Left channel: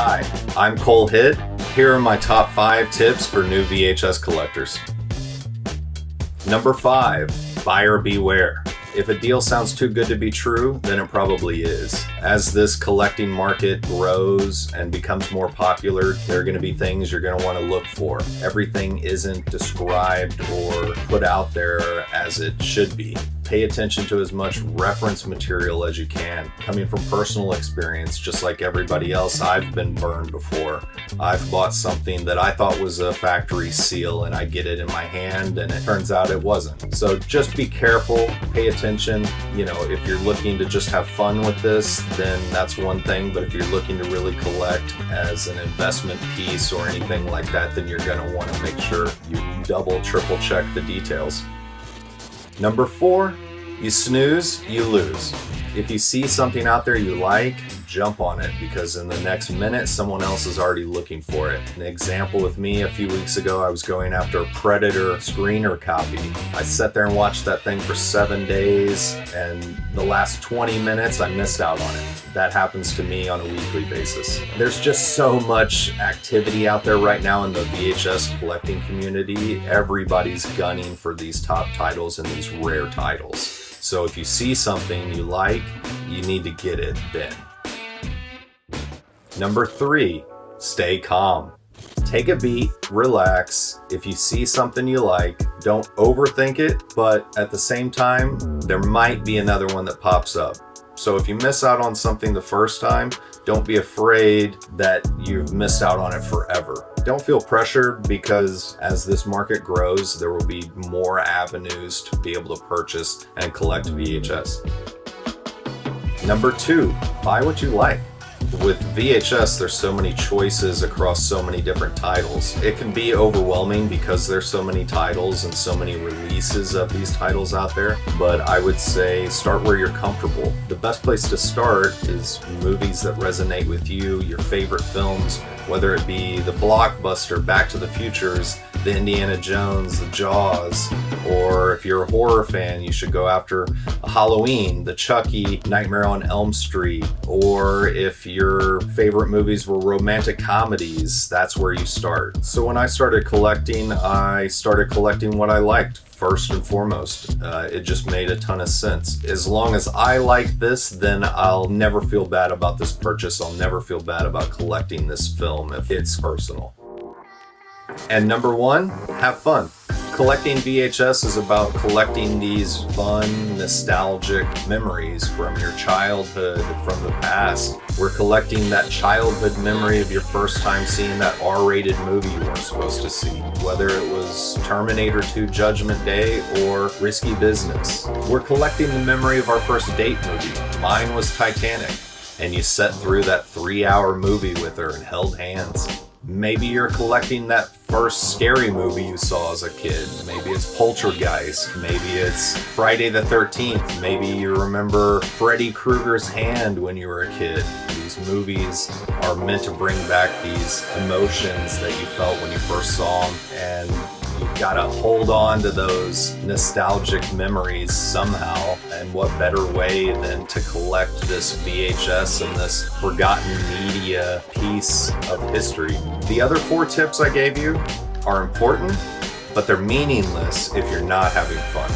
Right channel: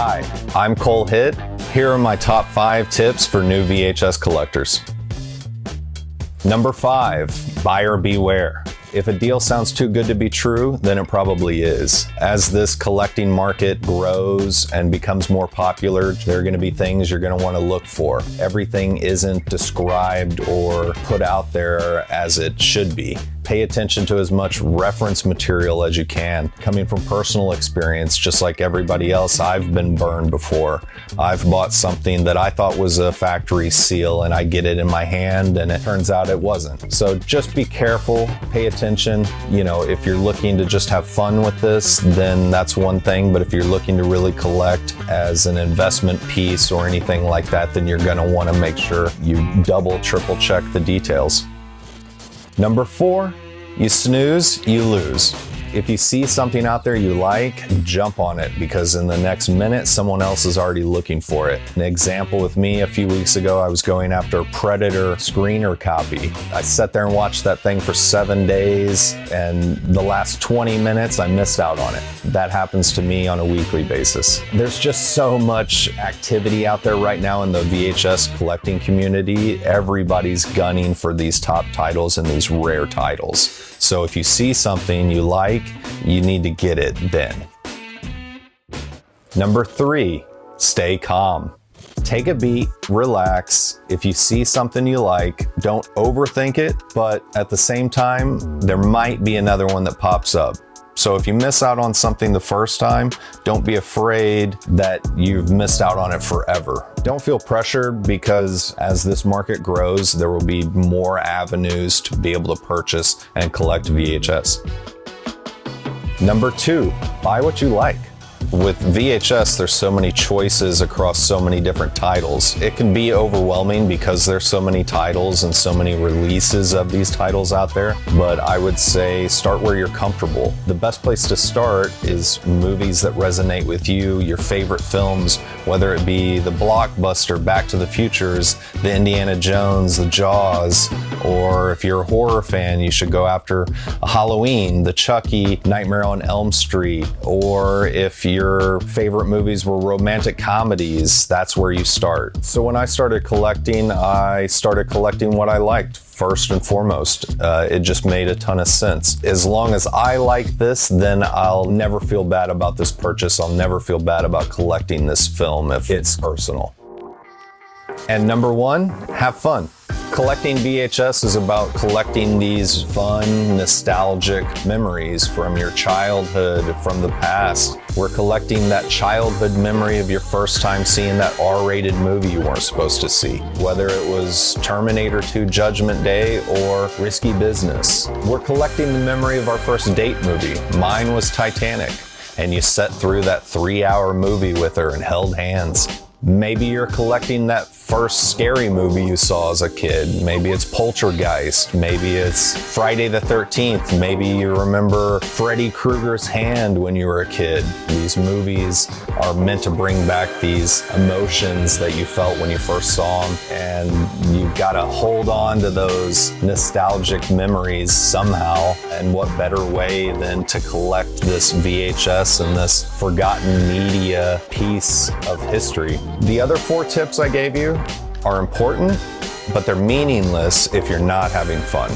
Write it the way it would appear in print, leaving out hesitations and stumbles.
Hi, I'm Kohl Hitt. Here are my top 5 tips for new VHS collectors. Number 5, buyer beware. If a deal sounds too good to be true, then it probably is. As this collecting market grows and becomes more popular, there are going to be things you're going to want to look for. Everything isn't described or put out there as it should be. Pay attention to as much reference material as you can. Coming from personal experience, just like everybody else, I've been burned before. I've bought something that I thought was a factory seal and I get it in my hand and it turns out it wasn't. So just be careful, pay attention. You know, if you're looking to just have fun with this, then that's one thing. But if you're looking to really collect as an investment piece or anything like that, then you're gonna wanna make sure you double, triple check the details. Number 4, you snooze, you lose. If you see something out there you like, jump on it because in the next minute, someone else is already looking for it. An example with me, a few weeks ago, I was going after a Predator screener copy. I sat there and watched that thing for 7 days, and the last 20 minutes, I missed out on it. That happens to me on a weekly basis. There's just so much activity out there right now in the VHS collecting community. Everybody's gunning for these top titles and these rare titles. So if you see something you like, you need to get it then. Number 3, stay calm. Take a beat, relax. If you see something you like, don't overthink it, but at the same time, there might be another one that pops up. So if you miss out on something the first time, don't be afraid that you've missed out on it forever. Don't feel pressured because as this market grows, there will be more avenues to be able to purchase and collect VHS. Number 2, buy what you like. With VHS, there's so many choices across so many different titles. It can be overwhelming because there's so many titles and so many releases of these titles out there, but I would say start where you're comfortable. The best place to start is movies that resonate with you, your favorite films, whether it be the blockbuster Back to the Futures, the Indiana Jones, the Jaws, or if you're a horror fan, you should go after a Halloween, the Chucky, Nightmare on Elm Street, or if your favorite movies were romantic comedies, that's where you start. So when I started collecting what I liked first and foremost. It just made a ton of sense. As long as I like this, then I'll never feel bad about this purchase. I'll never feel bad about collecting this film if it's personal. And number 1, have fun. Collecting VHS is about collecting these fun, nostalgic memories from your childhood, from the past. We're collecting that childhood memory of your first time seeing that R-rated movie you weren't supposed to see, whether it was Terminator 2 Judgment Day or Risky Business. We're collecting the memory of our first date movie. Mine was Titanic, and you sat through that 3-hour movie with her and held hands. Maybe you're collecting that first scary movie you saw as a kid. Maybe it's Poltergeist. Maybe it's Friday the 13th. Maybe you remember Freddy Krueger's hand when you were a kid. These movies are meant to bring back these emotions that you felt when you first saw them, and you've got to hold on to those nostalgic memories somehow. And what better way than to collect this VHS and this forgotten media piece of history? The other 4 tips I gave you are important, but they're meaningless if you're not having fun.